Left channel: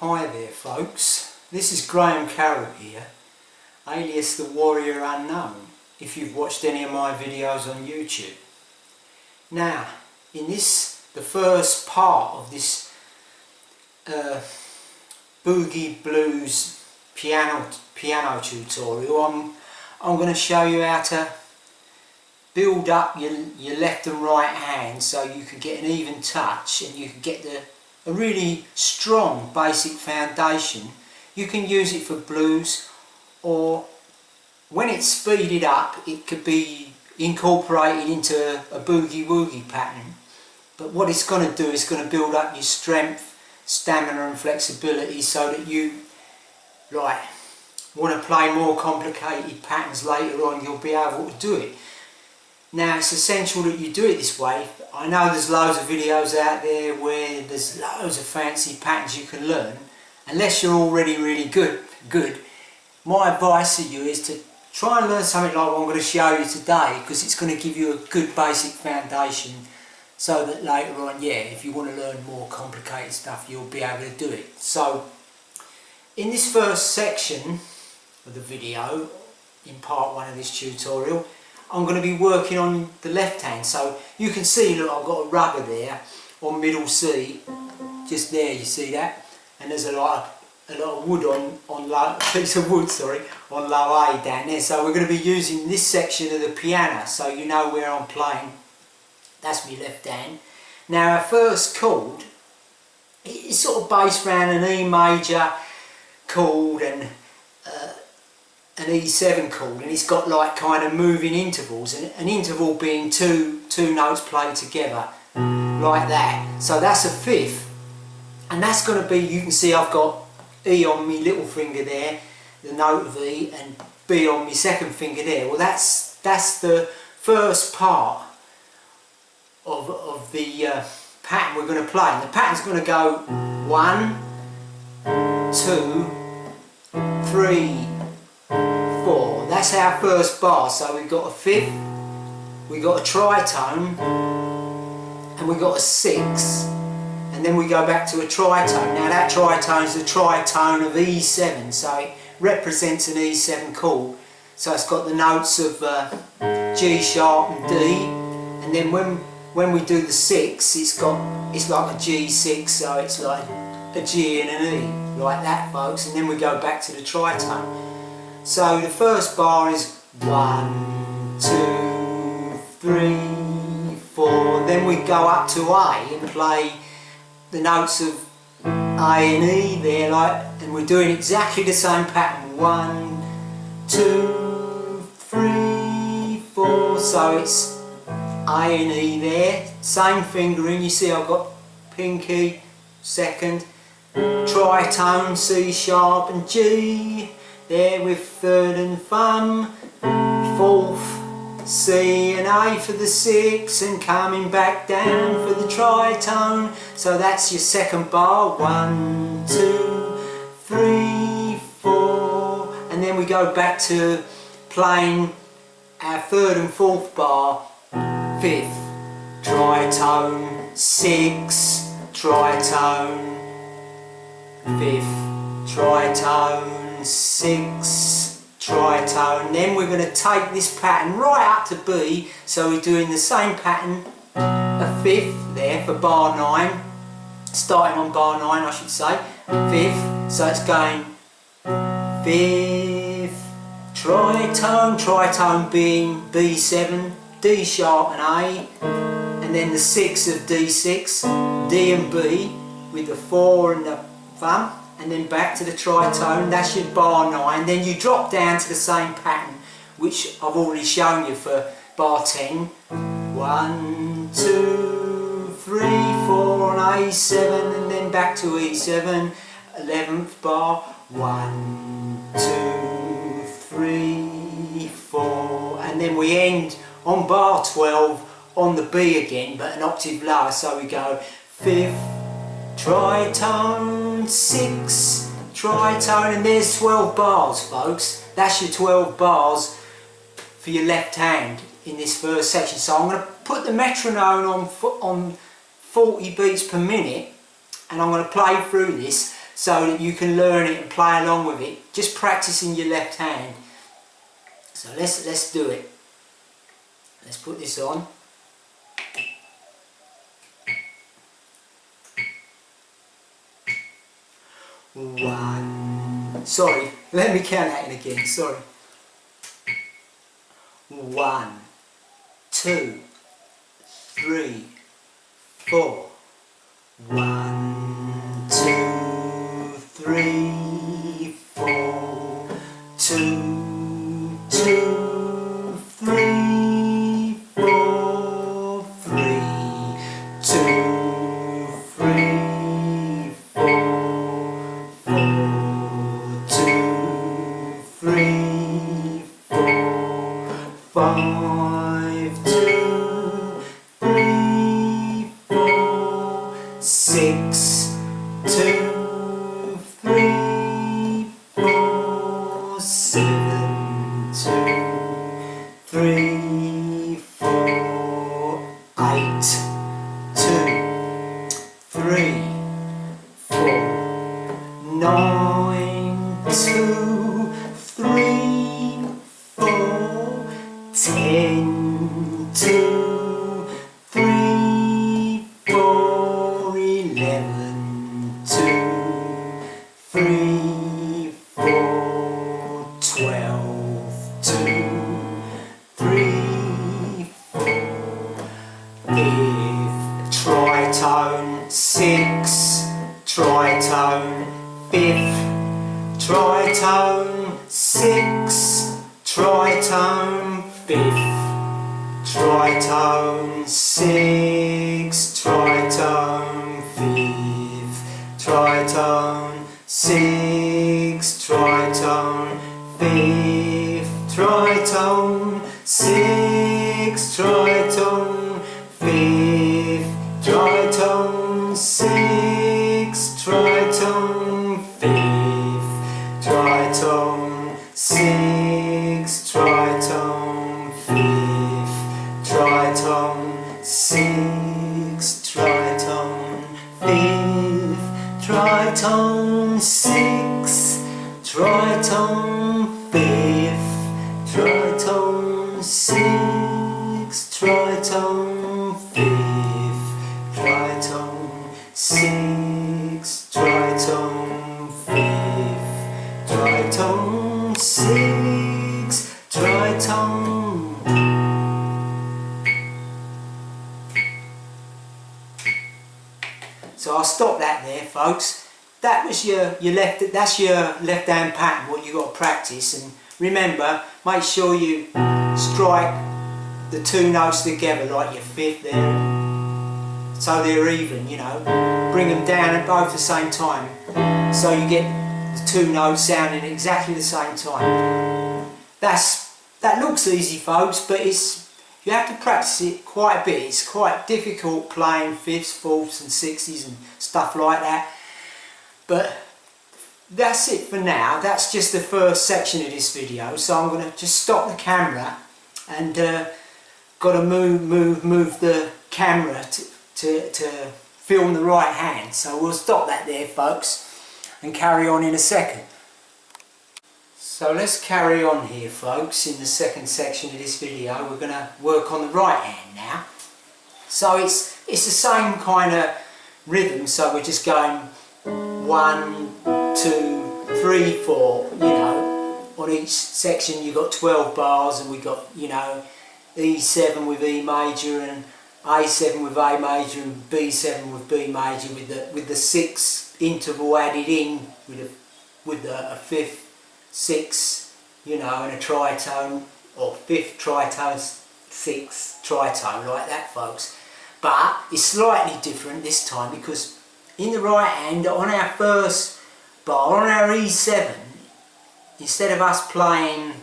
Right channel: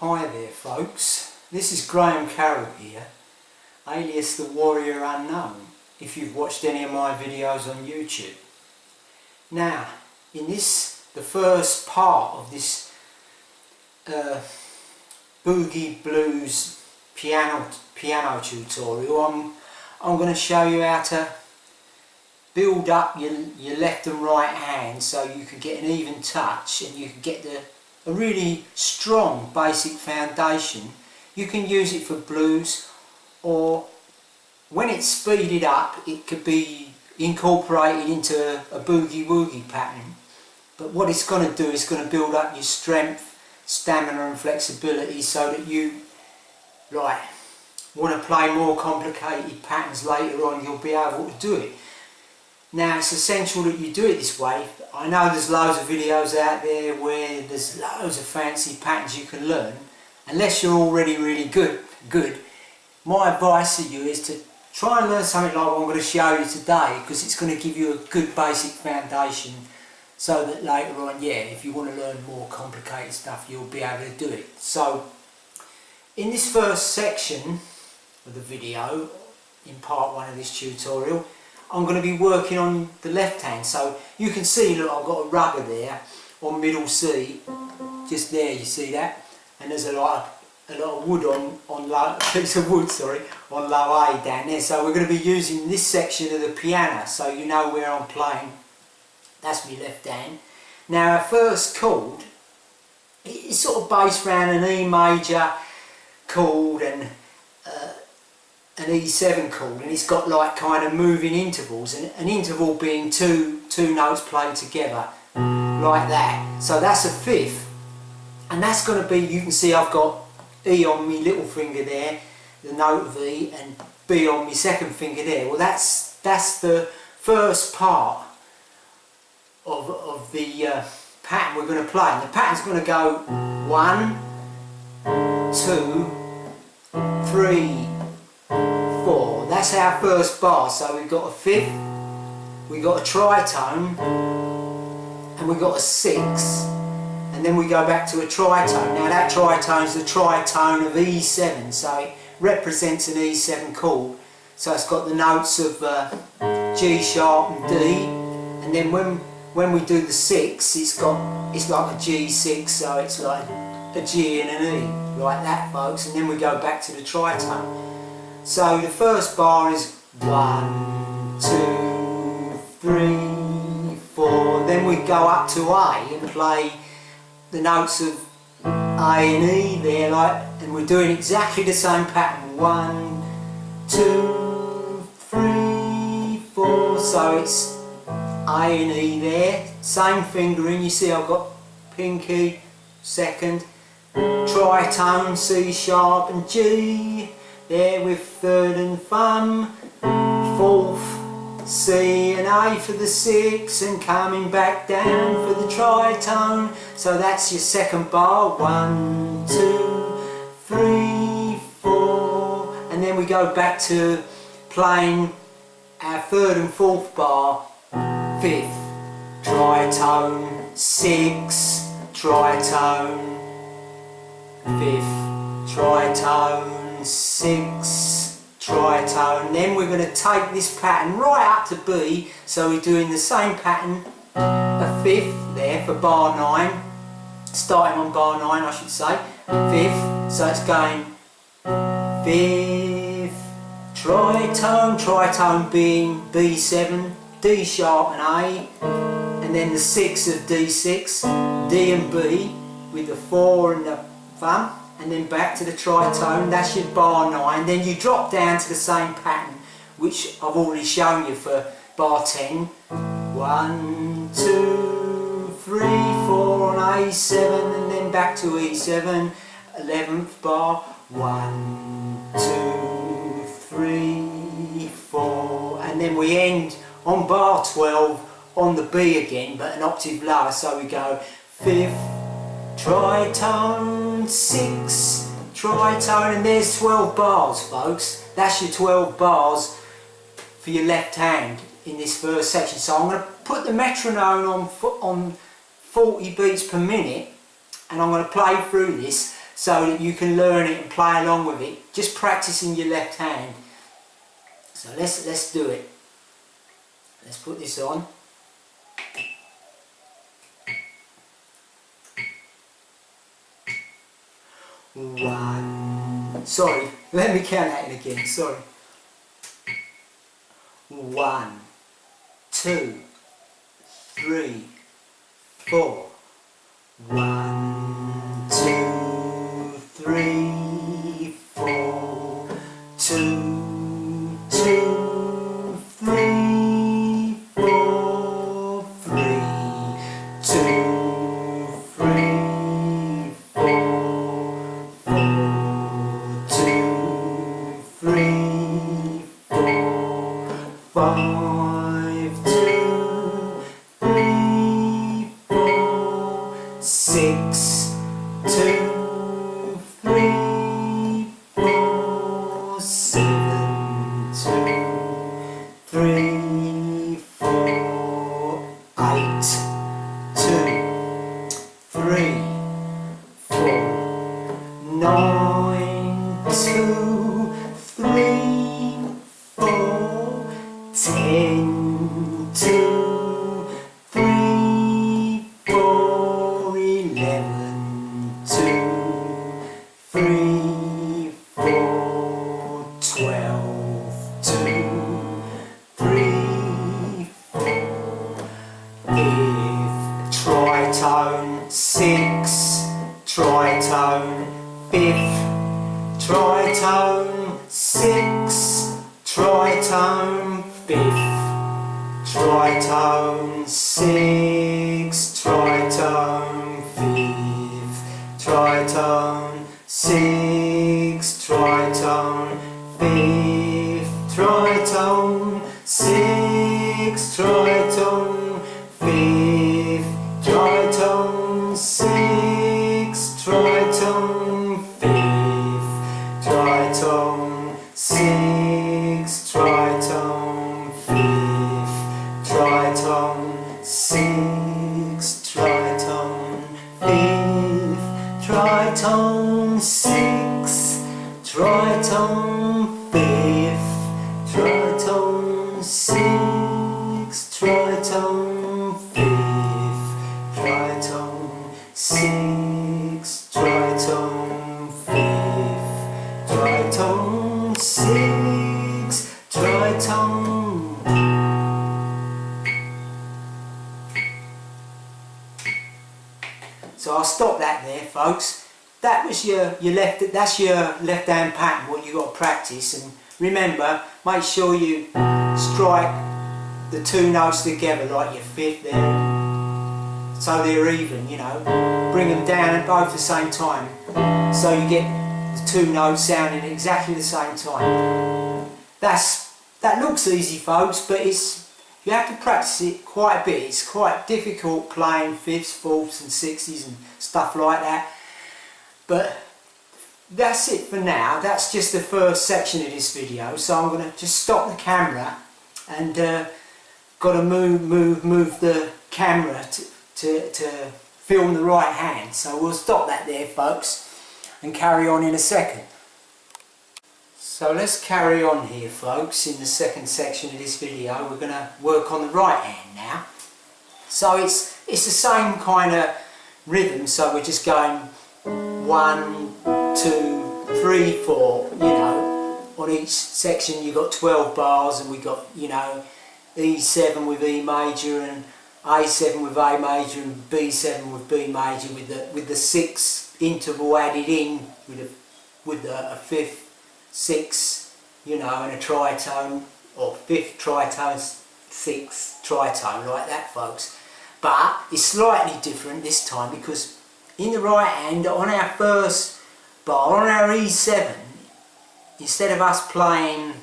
Hi there folks, this is Carroll here, alias the Warrior Unknown, if you've watched any of my videos on YouTube. Now, in the first part of this Boogie Blues piano tutorial, I'm going to show you how to build up your left and right hand so you can get an even touch and you can get a really strong basic foundation. You can use it for blues, or when it's speeded up it could be incorporated into a boogie woogie pattern. But what it's going to do is going to build up your strength, stamina and flexibility so that you want to play more complicated patterns later on, you'll be able to do it. Now it's essential that you do it this way. I know there's loads of videos out there where there's loads of fancy patterns you can learn. Unless you're already really good, my advice to you is to try and learn something like what I'm going to show you today, because it's going to give you a good basic foundation so that later on, if you want to learn more complicated stuff, you'll be able to do it. So in this first section of the video, in part one of this tutorial, I'm going to be working on the left hand. So you can see, look, I've got a rubber there on middle C, just there, you see that? And there's a lot of wood on low, piece of wood, sorry, on low A down there. So we're going to be using this section of the piano, so you know where I'm playing. That's my left hand. Now our first chord, it's sort of based around an E major chord and an E7 chord, and it's got like kind of moving intervals, and an interval being two notes played together like that. So that's a fifth, and that's going to be, you can see I've got E on my little finger there, the note of E, and B on my second finger there. Well, that's the first part of the pattern we're going to play, and the pattern's going to go 1, 2, 3, 4. That's our first bar. So we've got a fifth, we've got a tritone, and we've got a 6, and then we go back to a tritone. Now that tritone is the tritone of E7, so it represents an E7 chord. So it's got the notes of G sharp and D, and then when we do the 6, it's like a G6, so it's like a G and an E, like that folks, and then we go back to the tritone. So the first bar is 1, 2, 3, 4, then we go up to A and play the notes of A and E there, and we're doing exactly the same pattern, 1, 2, 3, 4, so it's A and E there, same fingering, you see I've got pinky, second, tritone, C sharp and G, there with third and thumb, fourth, C and A for the 6, and coming back down for the tritone. So that's your second bar, 1, 2, 3, 4, and then we go back to playing our third and fourth bar, fifth, tritone, 6, tritone, fifth, tritone, 6, tritone. Then we're going to take this pattern right up to B, so we're doing the same pattern, a fifth there for bar 9, starting on bar 9 I should say, fifth, so it's going fifth, tritone being B7, D sharp and A, and then the 6 of D6, D and B with the 4 and the thumb, and then back to the tritone. That's your bar 9. Then you drop down to the same pattern which I've already shown you for bar 10. 1, 2, 3, 4 on A7, and then back to E7, 11th bar, 1, 2, 3, 4, and then we end on bar 12 on the B again, but an octave lower, so we go 5th, tritone, 6, tritone, and there's 12 bars folks. That's your 12 bars for your left hand in this first section. So I'm going to put the metronome on 40 beats per minute, and I'm going to play through this so that you can learn it and play along with it, just practicing your left hand. So let's do it. Let's put this on. One, sorry, let me count that in again, sorry. 1, 2, 3, 4. 1, 2, 3, 4. 2, 2, 3, 4, 3. 2, 3, 4, 2, 3, 4, 5, 2, 3, 4, 6, 2, 3, 4, 7, 2, 3, 4, 8, 2, 3, 4, 9, 2, 3, 4, 10, 2, 3, 4, 11, 2, 3, 4, 12, 2, 3, 4. Fifth tritone, 6, tritone, fifth tritone, 6, tritone, fifth tritone, 6, tritone, fifth tritone, 6, tritone, fifth tritone, 6, tritone, fifth tritone, 6, tritone, fifth tritone, 6, tritone, fifth tritone, 6, tritone, fifth tritone, 6, tritone, fifth tritone, 6, tritone, fifth tritone, 6, tritone, fifth tritone, 6, tritone. So I'll stop that there, folks. That was that's your left hand pattern, what you got to practice. And remember, make sure you strike the two notes together like your fifth there, so they're even, you know. Bring them down at both the same time, so you get the two notes sounding at exactly the same time. That looks easy, folks, but you have to practice it quite a bit. It's quite difficult playing fifths, fourths and sixties and stuff like that. But that's it for now. That's just the first section of this video. So I'm going to just stop the camera and got to move the camera to film the right hand. So we'll stop that there, folks, and carry on in a second. So let's carry on here, folks. In the second section of this video, we're going to work on the right hand now. So it's the same kind of rhythm. So we're just going 1, 2, 3, 4. You know, on each section you've got 12 bars, and we got, you know, E7 with E major and A7 with A major and B7 with B major, with the 6 interval added in with a fifth, 6, you know, and a tritone, or fifth tritone, 6 tritone, like that, folks. But it's slightly different this time, because in the right hand, on our first bar, on our E7, instead of us playing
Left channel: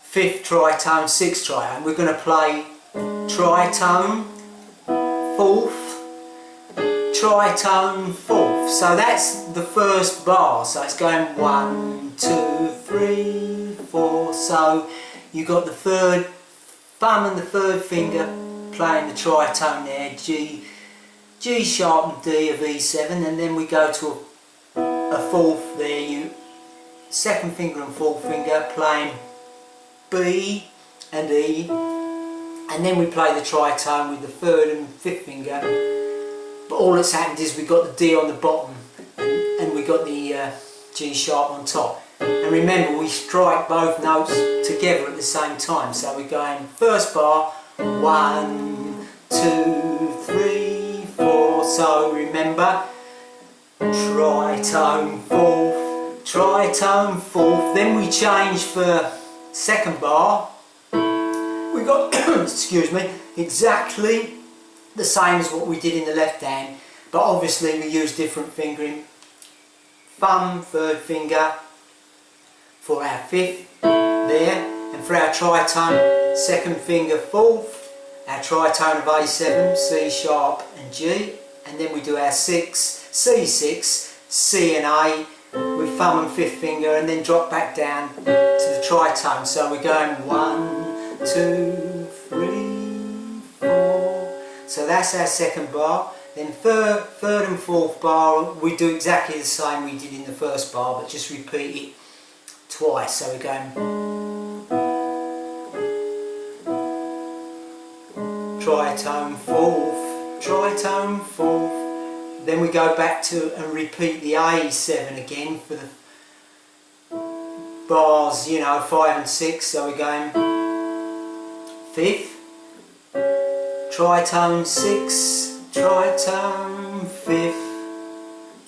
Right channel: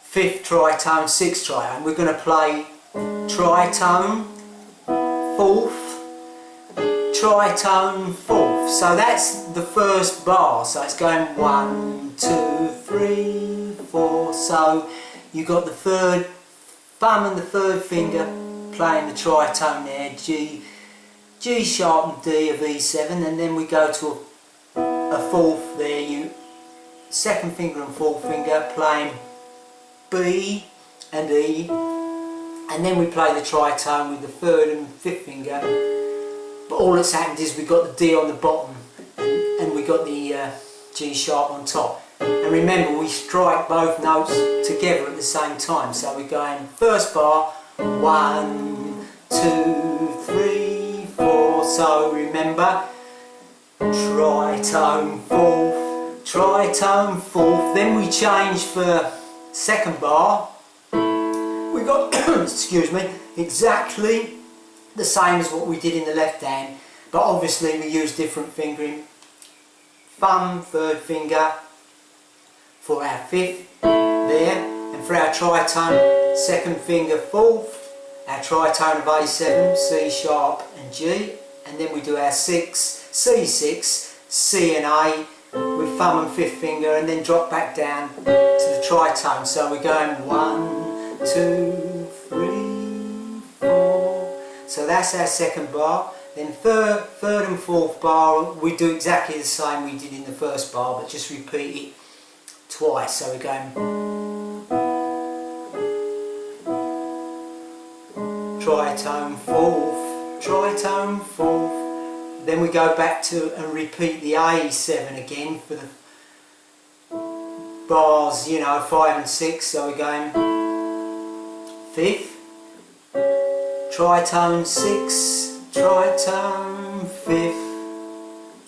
fifth tritone, 6 tritone, we're going to play tritone, fourth, tritone, fourth. So that's the first bar. So it's going 1, 2, 3, 4. So you've got the third thumb and the third finger playing the tritone there, G, G sharp and D of E7, and then we go to a fourth there, you second finger and fourth finger playing B and E, and then we play the tritone with the third and fifth finger. But all that's happened is we got the D on the bottom and we got the G sharp on top. And remember, we strike both notes together at the same time. So we're going first bar, 1, 2, 3, 4. So remember, tritone fourth. Then we change for second bar. We got excuse me, exactly the same as what we did in the left hand, but obviously we use different fingering. Thumb, third finger for our fifth there, and for our tritone, second finger fourth, our tritone of A7, C sharp and G, and then we do our 6, C6, C and A with thumb and fifth finger, and then drop back down to the tritone. So we're going 1, 2, 3, 4. So that's our second bar. Then third and fourth bar, we do exactly the same we did in the first bar, but just repeat it twice. So we're going tritone fourth. Then we go back to and repeat the A7 again for the bars, you know, 5 and 6. So we're going fifth, tritone 6, tritone 5th,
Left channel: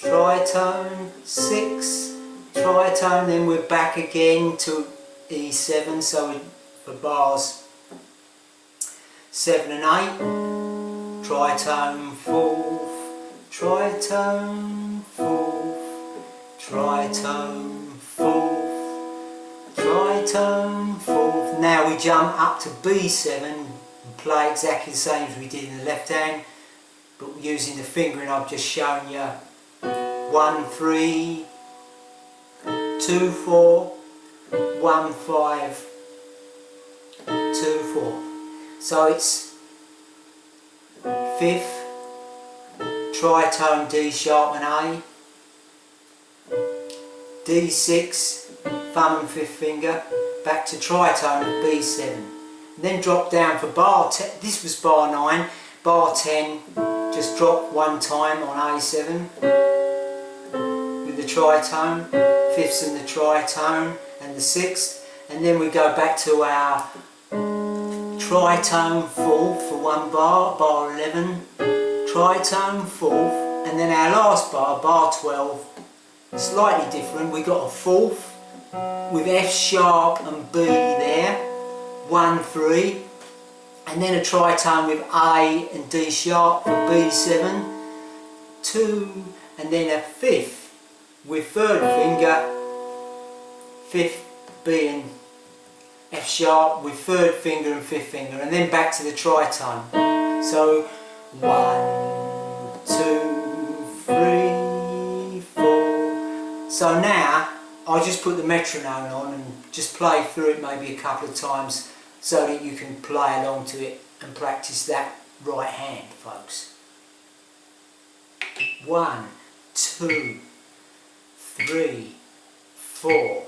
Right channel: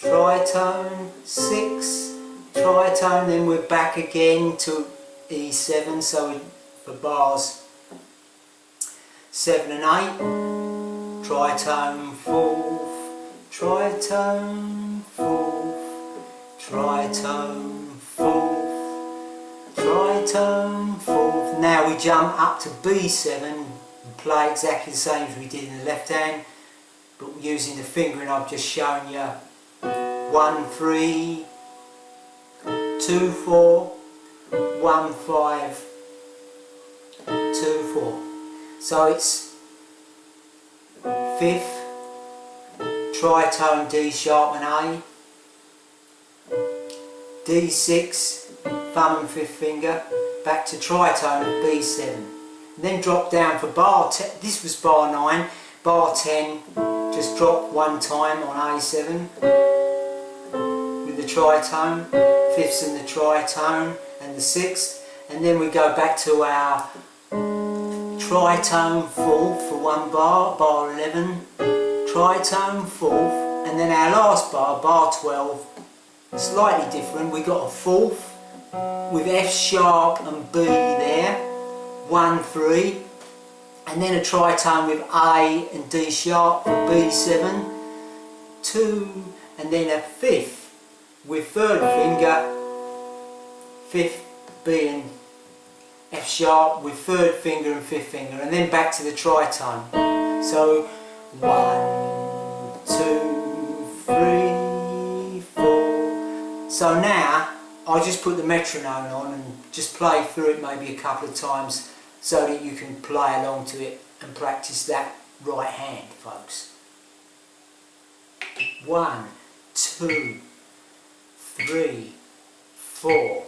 tritone 6, tritone, then we're back again to E7, so for bars 7 and 8, tritone 4th, tritone 4th, tritone 4th, tritone 4th. Now we jump up to B7 and play exactly the same as we did in the left hand, but using the fingering I've just shown you. 1, 3, 2, 4, 1, 5, 2, 4. So it's fifth, tritone D sharp and A, D6, thumb and fifth finger, back to tritone B7. And then drop down for bar 10, this was bar 9, bar 10, just drop one time on A7 with the tritone, fifths and the tritone and the sixth, and then we go back to our tritone fourth for one bar, bar 11, tritone fourth, and then our last bar, bar 12, slightly different. We got a fourth with F sharp and B there, 1, 3, and then a tritone with A and D sharp for B7, 2, and then a fifth with third finger, fifth, B and F sharp with third finger and fifth finger, and then back to the tritone. So 1, 2, 3, 4. So now I'll just put the metronome on and just play through it maybe a couple of times so that you can play along to it and practice that right hand, folks. 1, 2, 3, 4.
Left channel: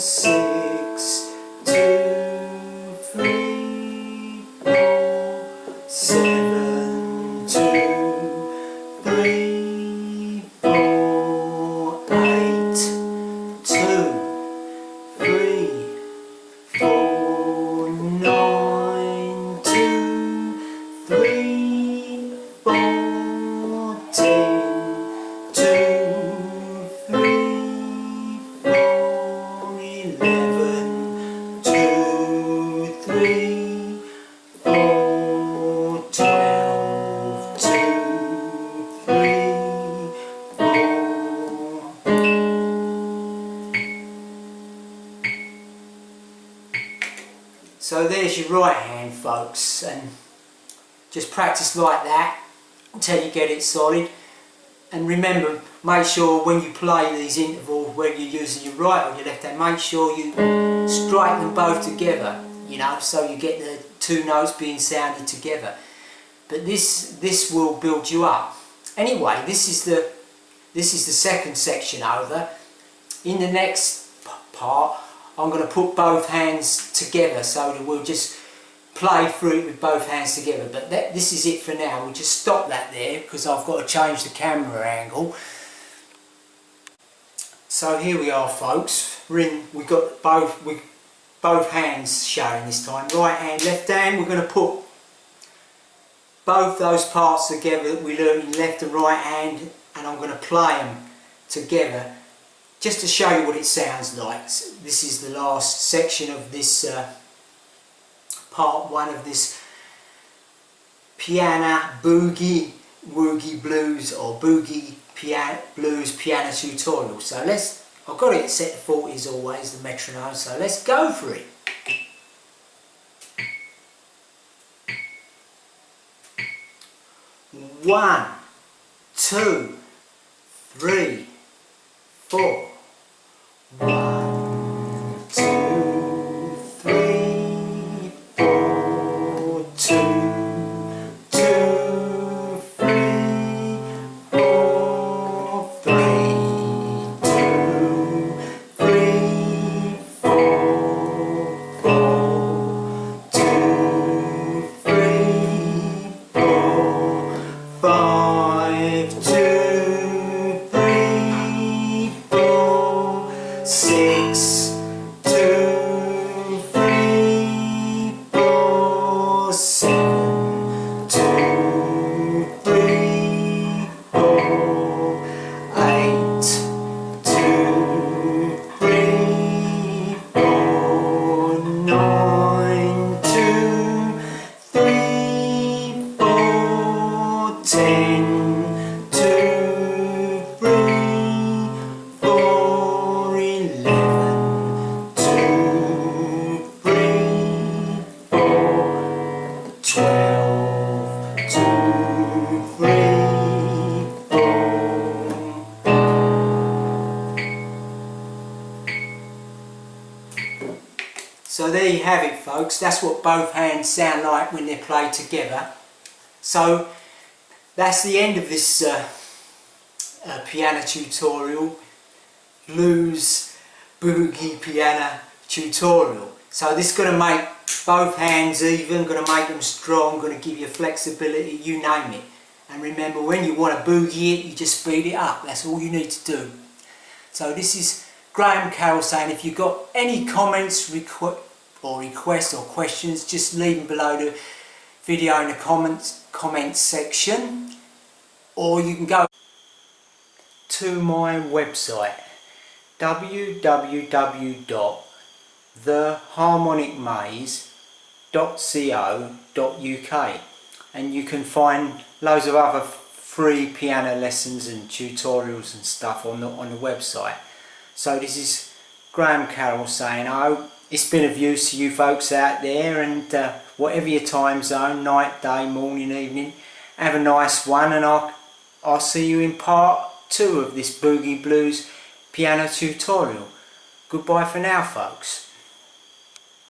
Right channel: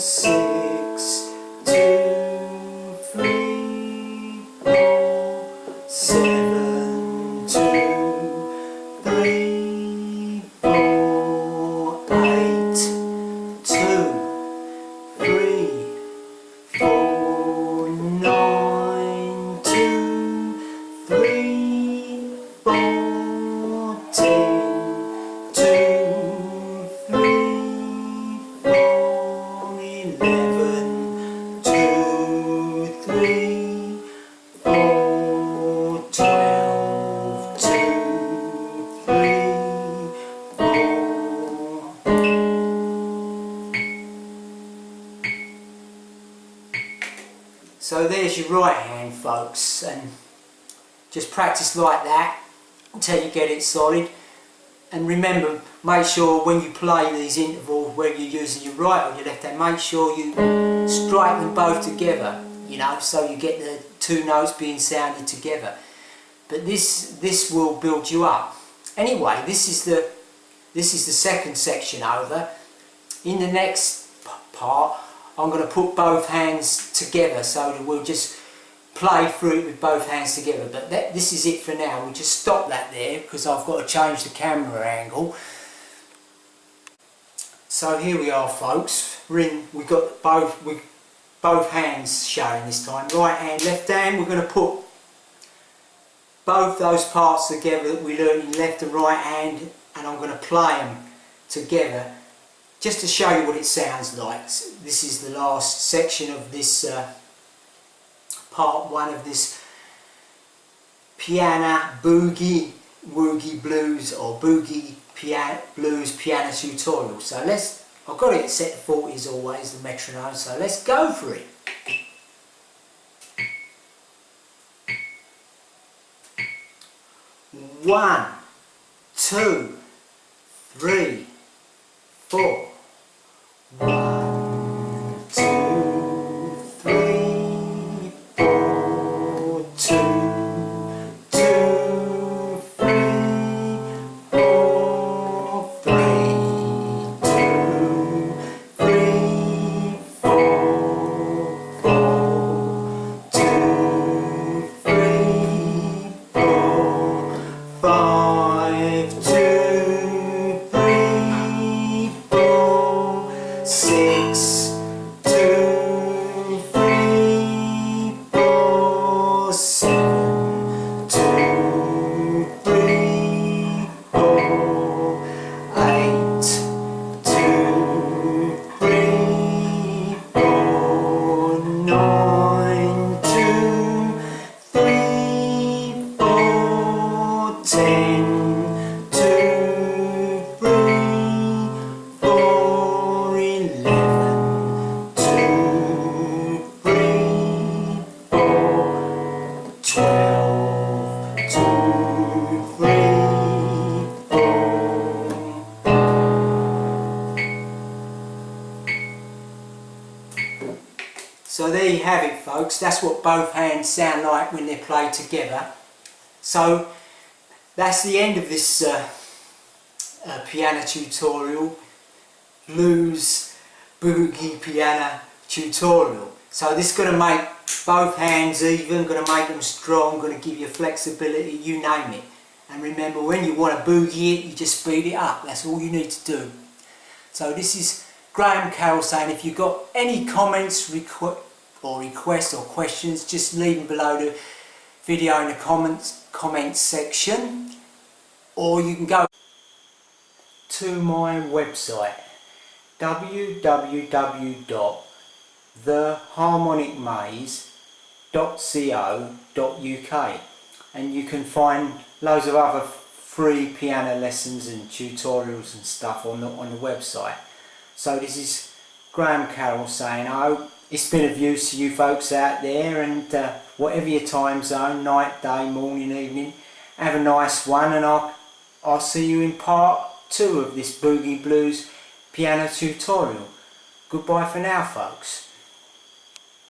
6, 2, 3, 4, 7, 2, 3, 4, 8, 2, 3, 4, 9, 2, 3, 4, 10, 2, 3, 4, 11, 2, 3, 4, 12, 2, 3, 4. So there's your right hand, folks, and just practice like that until you get it solid. And remember, make sure when you play these intervals, whether you're using your right or your left hand, make sure you strike them both together, you know, so you get the two notes being sounded together. But this will build you up. Anyway, this is the second section over. In the next part, I'm going to put both hands together so that we'll just play through it with both hands together. But this is it for now. We'll just stop that there because I've got to change the camera angle. So here we are, folks. We've got both hands showing this time. Right hand, left hand. We're going to put both those parts together that we learned in left and right hand, and I'm going to play them together just to show you what it sounds like. This is the last section of this part one of this piano boogie blues or boogie blues piano tutorial. So I've got it set to 40s always, the metronome, so let's go for it. One, two, three, 4. 1, 2, 3, 4, 2, 2, 3, 4, 3, 2, 3, 4, 4, 2, 3, 4, 5, 2, 3, 4, 6, 2, 3, 4, 7, 2, 3, 4, 8, 2, 3, 4, 9, 2, 3, 4, 10, 2, 3, 4, 11, 2, 3, 4, 12, 2, 3, 4. So there you have it, folks. That's what both hands sound like when they're played together. So that's the end of this piano tutorial, blues boogie piano tutorial. So this is going to make both hands even, going to make them strong, going to give you flexibility, you name it. And remember, when you want to boogie it, you just speed it up. That's all you need to do. So this is Carroll saying, if you've got any comments, requests or questions, just leave them below the video in the comments section, or you can go to my website www.theharmonicmaze.co.uk, and you can find loads of other free piano lessons and tutorials and stuff on the website. So this is Carroll saying, I hope it's been of use to you folks out there, and whatever your time zone, night, day, morning, evening, have a nice one, and I'll see you in part 2 of this Boogie Blues piano tutorial. Goodbye for now, folks.